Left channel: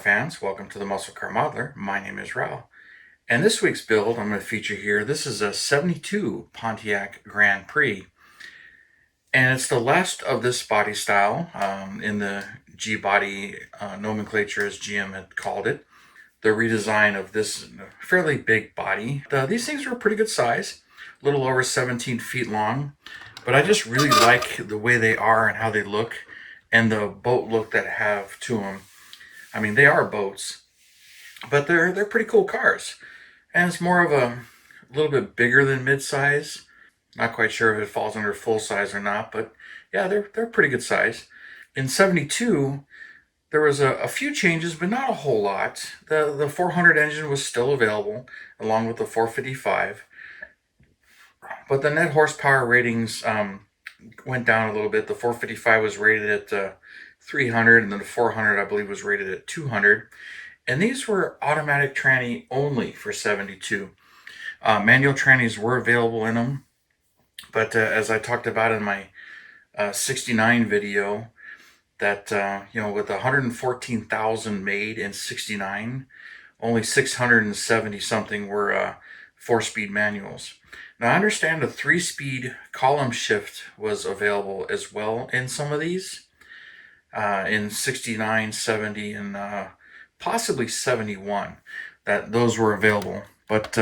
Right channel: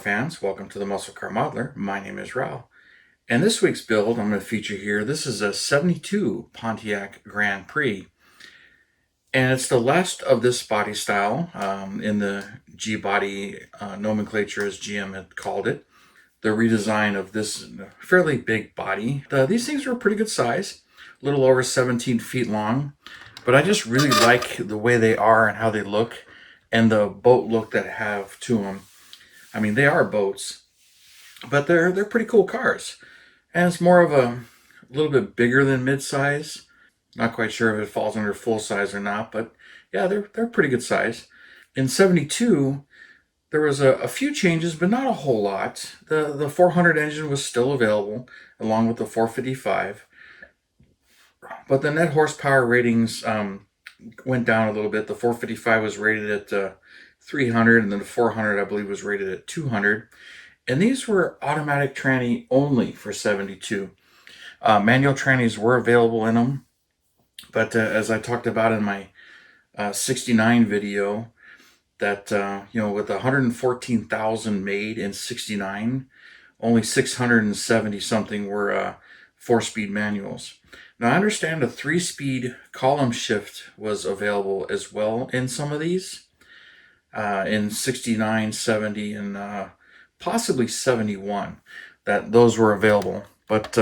fans, welcome to the Muscle Car Modeler. My name is Rao. And this week's build I'm going to feature here, this is a 72 Pontiac Grand Prix. And it's the last of this body style in the G-body nomenclature, as GM had called it. The redesign of this fairly big body. These things are a pretty good size, a little over 17 feet long. But I just really like the way they are and how they look and the boat look that have to them. I mean, they are boats, but they're pretty cool cars. And it's more of a little bit bigger than mid-size. Not quite sure if it falls under full size or not, but yeah, they're pretty good size. In 72, there was a few changes, but not a whole lot. The 400 engine was still available, along with the 455. But the net horsepower ratings went down a little bit. The 455 was rated at 300, and then the 400, I believe, was rated at 200. And these were automatic tranny only for 72. Manual trannies were available in them, but as I talked about in my 69 video, that with 114,000 made in 69, only 670 something were 4-speed manuals. Now I understand a 3-speed column shift was available as well in some of these. In 69, 70, and possibly 71, that those were available. But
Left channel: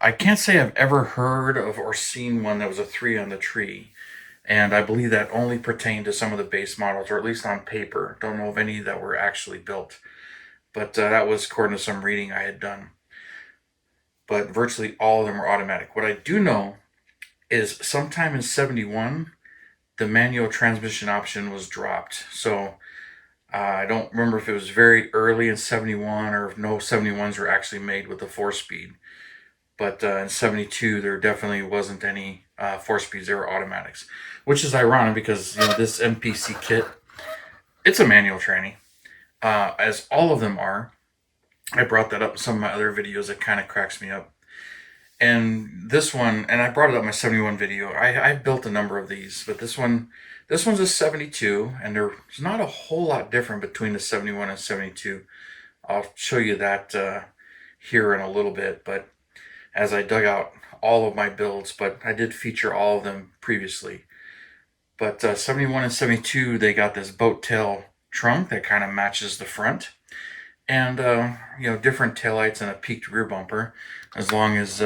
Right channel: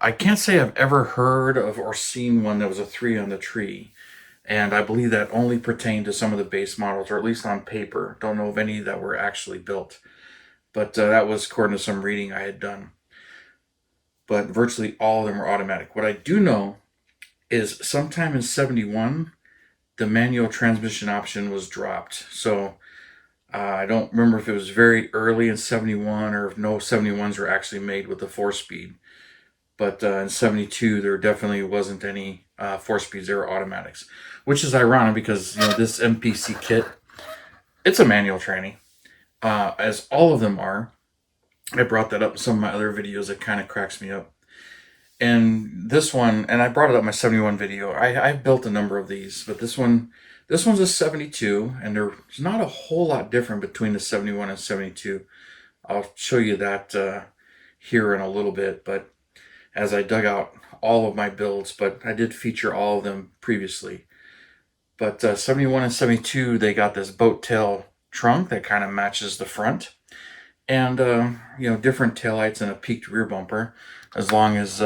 I can't say I've ever heard of or seen one that was a 3 on the tree. And I believe that only pertained to some of the base models, or at least on paper. Don't know of any that were actually built. But that was according to some reading I had done. But virtually all of them were automatic. What I do know is sometime in 71, the manual transmission option was dropped. So I don't remember if it was very early in 71 or if no 71s were actually made with the 4-speed. But in 72, there definitely wasn't any 4-speeds. They were automatics, which is ironic because this MPC kit, it's a manual tranny, as all of them are. I brought that up in some of my other videos. It kind of cracks me up. And this one, and I brought it up in my 71 video, I've built a number of these, but this one's a 72, and there's not a whole lot different between the 71 and 72. I'll show you that here in a little bit, but as I dug out all of my builds, but I did feature all of them previously. But 71 and 72, they got this boat tail trunk that kind of matches the front. And, different taillights and a peaked rear bumper, as long as,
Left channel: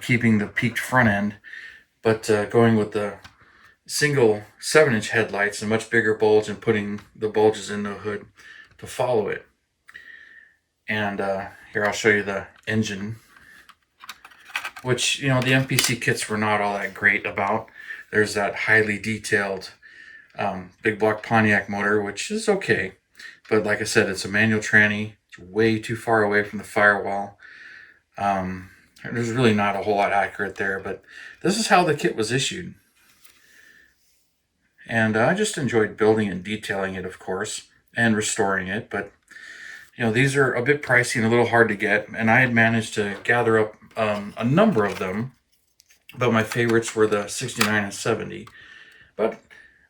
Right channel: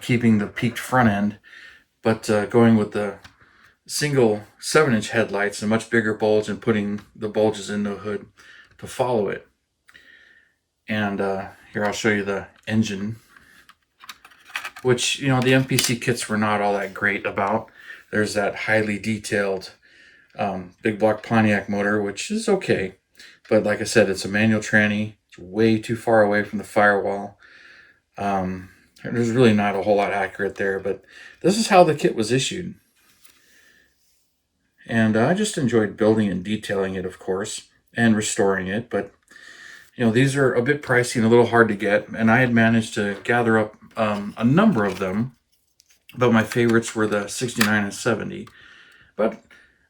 keeping the peaked front end, but going with the single 7-inch headlights, a much bigger bulge, and putting the bulges in the hood to follow it. And here I'll show you the engine, which, the MPC kits were not all that great about. There's that highly detailed big block Pontiac motor, which is okay. But like I said, it's a manual tranny. It's way too far away from the firewall. There's really not a whole lot accurate there, but this is how the kit was issued. And I just enjoyed building and detailing it, of course, and restoring it. But, these are a bit pricey and a little hard to get. And I had managed to gather up a number of them, but my favorites were the 69 and 70. But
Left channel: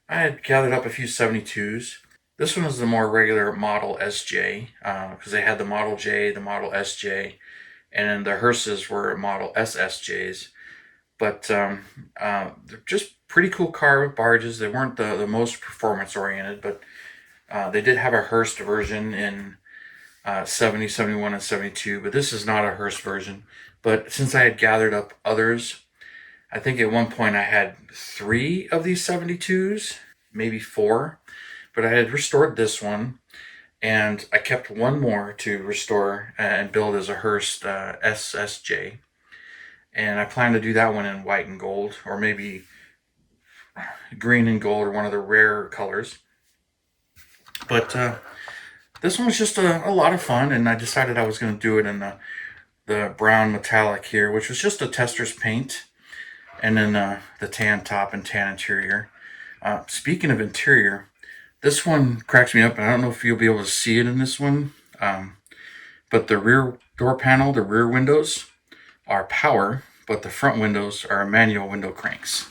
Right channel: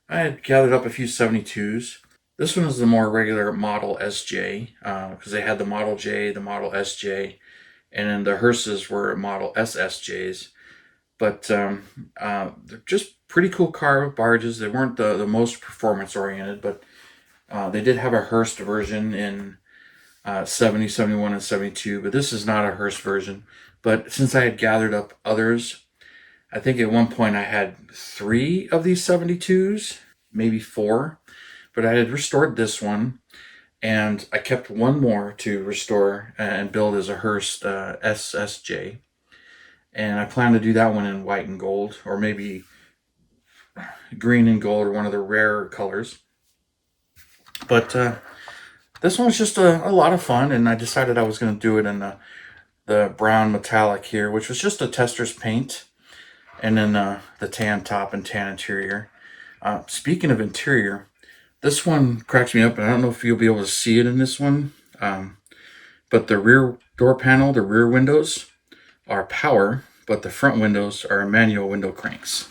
I had gathered up a few 72s. This one is the more regular Model SJ, because they had the Model J, the Model SJ, and then the hearses were Model SSJs. But they're just pretty cool car barges. They weren't the most performance-oriented, but they did have a hearse version in 70, 71, and 72, but this is not a hearse version. But since I had gathered up others, I think at one point I had 3 of these 72s, maybe 4. But I had restored this one, and I kept one more to restore and build as a hearse SSJ. And I plan to do that one in white and gold, or maybe green and gold, or one of the rare colors. But this one's just a lot of fun, and I decided I was going to do it in the brown metallic here, which was just a tester's paint, and then the tan top and tan interior. Speaking of interior, this one cracks me up. I don't know if you'll be able to see it in this one, but the rear door panel, the rear windows are power, but the front windows are manual window cranks.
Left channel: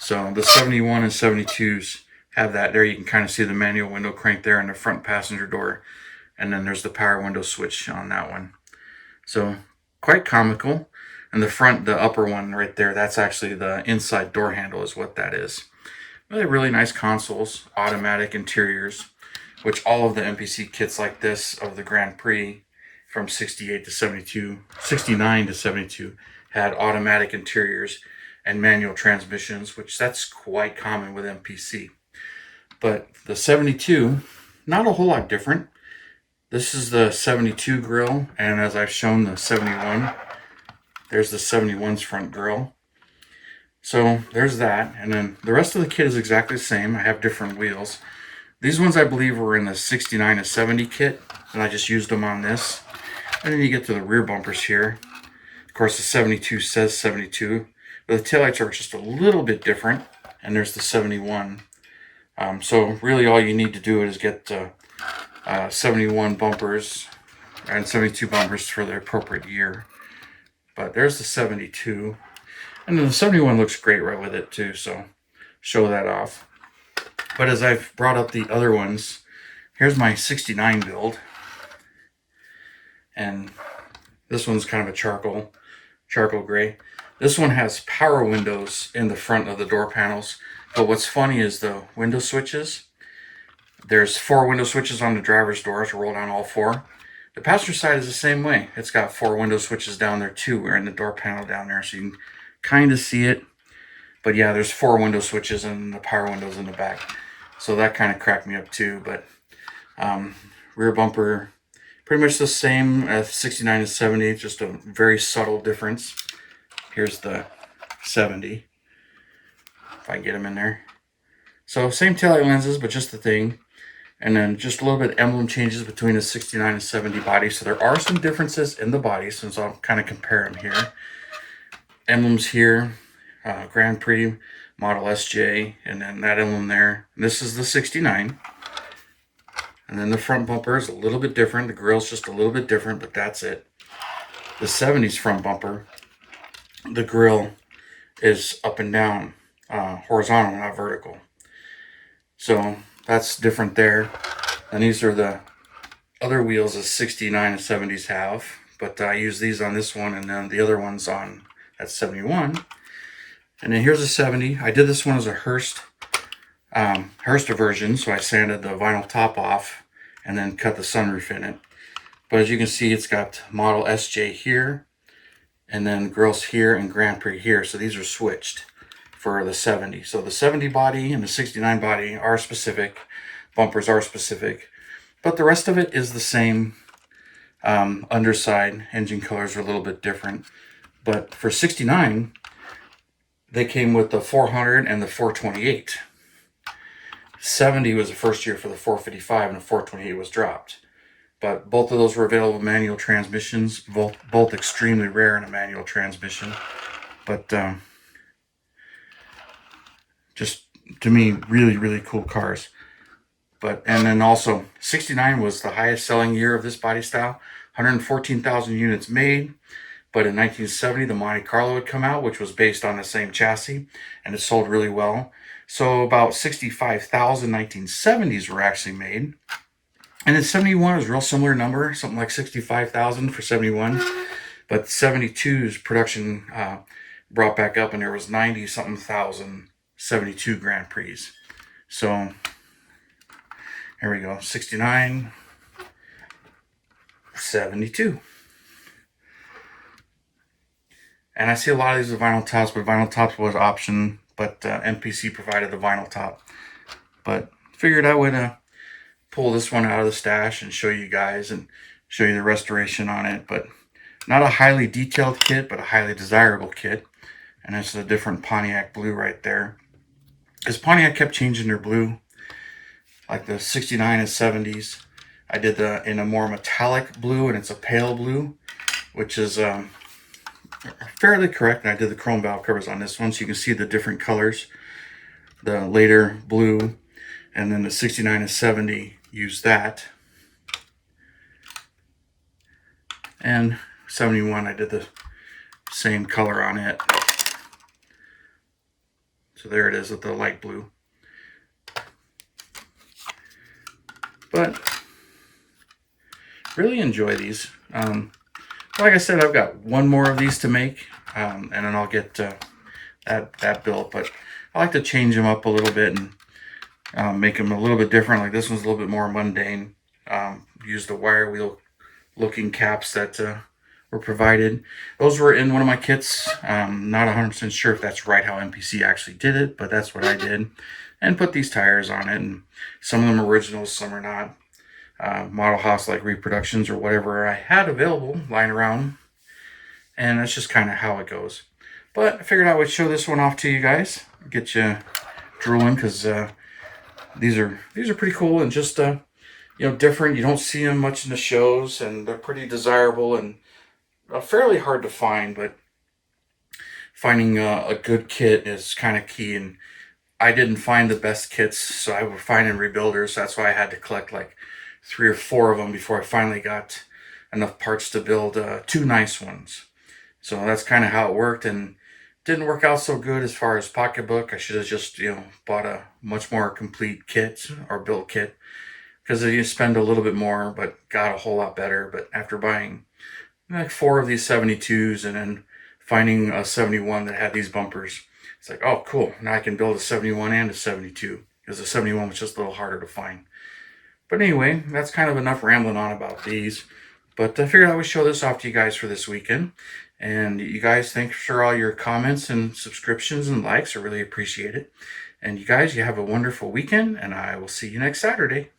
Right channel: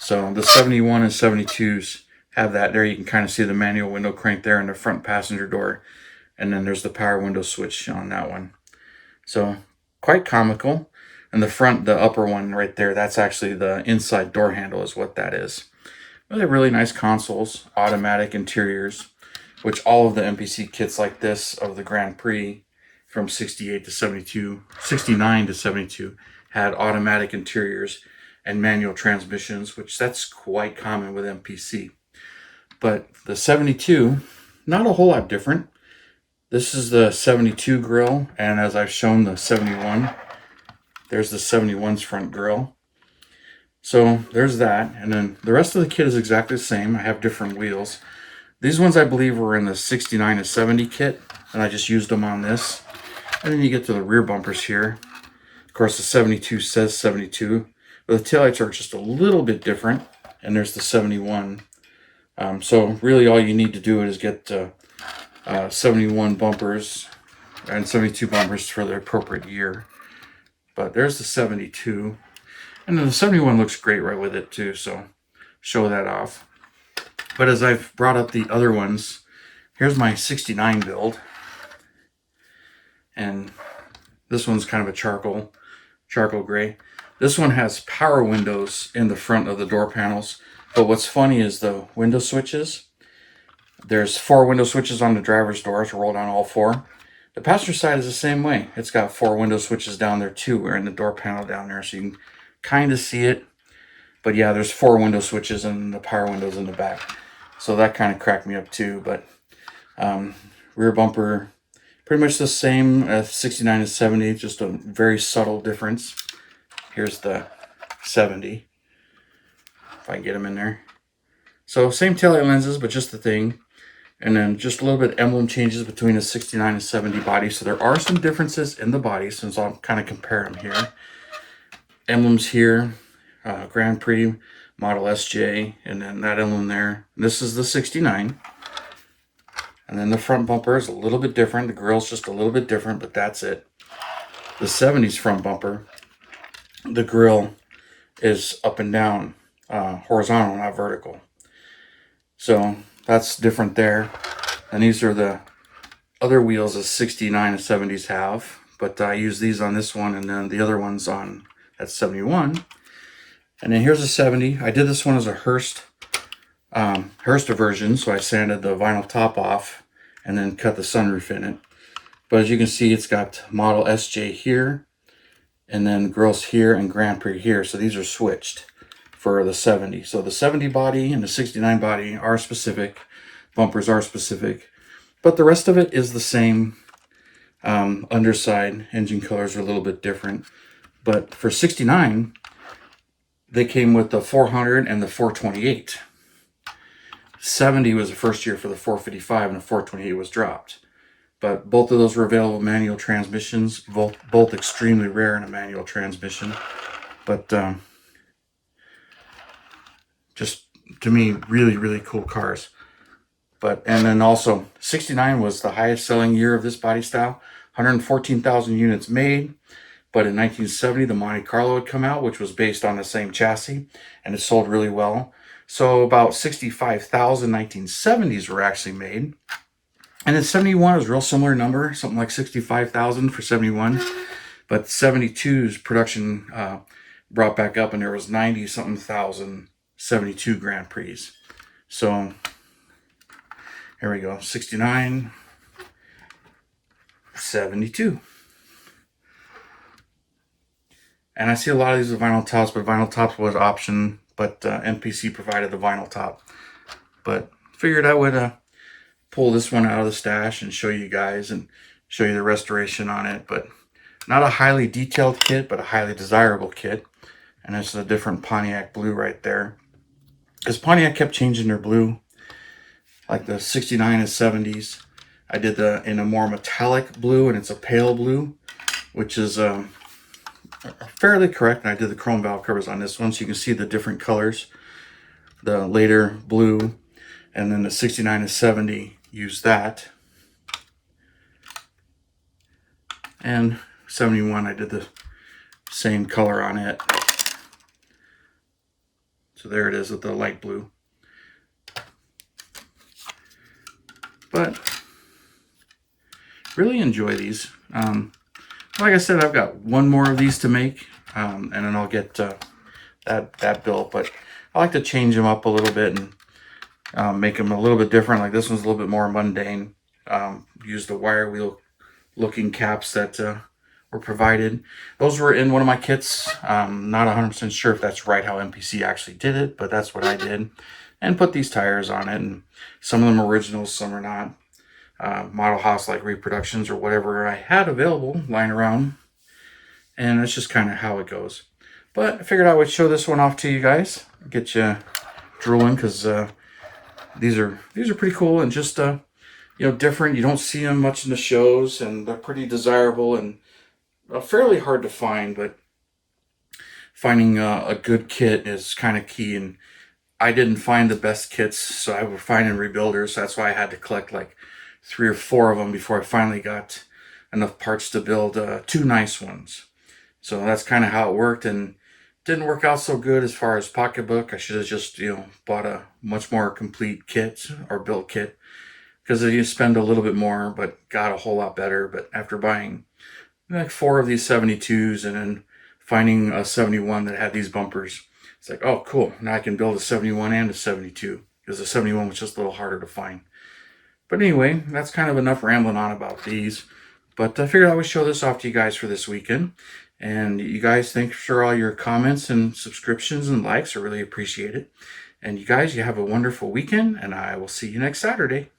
So the 71 and 72s have that there. You can kind of see the manual window crank there in the front passenger door. and then there's the power window switch on that one. So quite comical. And the front, the upper one right there, that's actually the inside door handle is what that is. But they're really nice consoles, automatic interiors, which all of the MPC kits like this of the Grand Prix from 68 to 72, 69 to 72 had automatic interiors and manual transmissions, which that's quite common with MPC. But the 72, not a whole lot different. This is the 72 grille, and as I've shown the 71, there's the 71's front grille. So there's that, and then the rest of the kit is exactly the same. I have different wheels. These ones I believe were in the 69 to 70 kit, and I just used them on this. And then you get to the rear bumpers here. Of course, the 72 says 72, but the taillights are just a little bit different, and there's the 71. So really all you need to do is get 71 bumpers and 72 bumpers for the appropriate year. But there's the 72. And then the 71 looks great right with it too, so show that off. But as I've brought up the other ones, here's my 69 build. And this one's kind of a charcoal gray. This one has power windows in the front of the door panels. But what's funny is the window switches. There's 4 window switches on the driver's doors, roll down all 4. The passenger side is the same way. It's got 4 window switches down there too. We're in the door panel down there, so you can kind of see it. But yeah, there's 4 window switches and the power windows in the back. So that kind of cracked me up too. But rear bumper, pretty much the same as 69 to 70, just a very subtle difference. Here's the 70. If I can get them in there. So same taillight lenses, but just the thing. And then just a little bit of emblem changes between the 69 and 70 body. So there are some differences in the body, since I'll kind of compare them here. Emblems here, Grand Prix, Model SJ, and then that emblem there. This is the 69. And then the front bumper is a little bit different. The grille's just a little bit different, but that's it. The 70's front bumper, the grille is up and down, horizontal, not vertical. So that's different there. And these are the other wheels the 69 and 70s have, but I use these on this one, and then the other ones on that 71. And then here's a 70. I did this one as a Hurst version, so I sanded the vinyl top off and then cut the sunroof in it. But as you can see, it's got Model SJ here, and then grills here and Grand Prix here. So these are switched for the 70. So the 70 body and the 69 body are specific. Bumpers are specific. But the rest of it is the same. Underside engine colors are a little bit different. But for 69, they came with the 400 and the 428. 70 was the first year for the 455, and the 428 was dropped. But both of those were available manual transmissions, both extremely rare in a manual transmission. But just, to me, really, really cool cars. And then also, 69 was the highest selling year of this body style. 114,000 units made. But in 1970, the Monte Carlo had come out, which was based on the same chassis, and it sold really well. So about 65,000 1970s were actually made. And then 71 was a real similar number, something like 65,000 for 71. But 72's production brought back up, and there was 90-something thousand 72 Grand Prix. So here we go, 69, 72. And I see a lot of these with vinyl tops, but vinyl tops was an option, but MPC provided the vinyl top. But figured I would pull this one out of the stash and show you guys and show you the restoration on it. But not a highly detailed kit, but a highly desirable kit. And this is a different Pontiac blue right there. Because Pontiac kept changing their blue, like the 69 and 70s. I did in a more metallic blue, and it's a pale blue, which is fairly correct. And I did the chrome valve covers on this one, so you can see the different colors. The later blue, and then the 69 and 70 used that. And 71, I did the same color on it. So there it is with the light blue. But really enjoy these. Like I said, I've got one more of these to make, and then I'll get that built. But I like to change them up a little bit and make them a little bit different. Like this one's a little bit more mundane. Use the wire wheel looking caps that were provided. Those were in one of my kits. Not 100% sure if that's right how MPC actually did it, but that's what I did. And put these tires on it, and some of them are originals, some are not. Model House like reproductions or whatever I had available lying around, and that's just kind of how it goes. But I figured I would show this one off to you guys, get you drooling, because these are pretty cool and just different. You don't see them much in the shows, and they're pretty desirable and fairly hard to find. But finding a good kit is kind of key, and I didn't find the best kits, so I was finding rebuilders. That's why I had to collect like 3 or 4 of them before I finally got enough parts to build 2 nice ones. So that's kind of how it worked, and didn't work out so good as far as pocketbook. I should have just bought a much more complete kit or built kit, because you spend a little bit more but got a whole lot better. But after buying like 4 of these 72s and then finding a 71 that had these bumpers, it's like, oh cool, now I can build a 71 and a 72, because the 71 was just a little harder to find. But anyway, that's kind of enough rambling on about these. But I figured I would show this off to you guys for this weekend. And you guys, thanks for all your comments and subscriptions and likes. I really appreciate it. And you guys, you have a wonderful weekend, and I will see you next Saturday.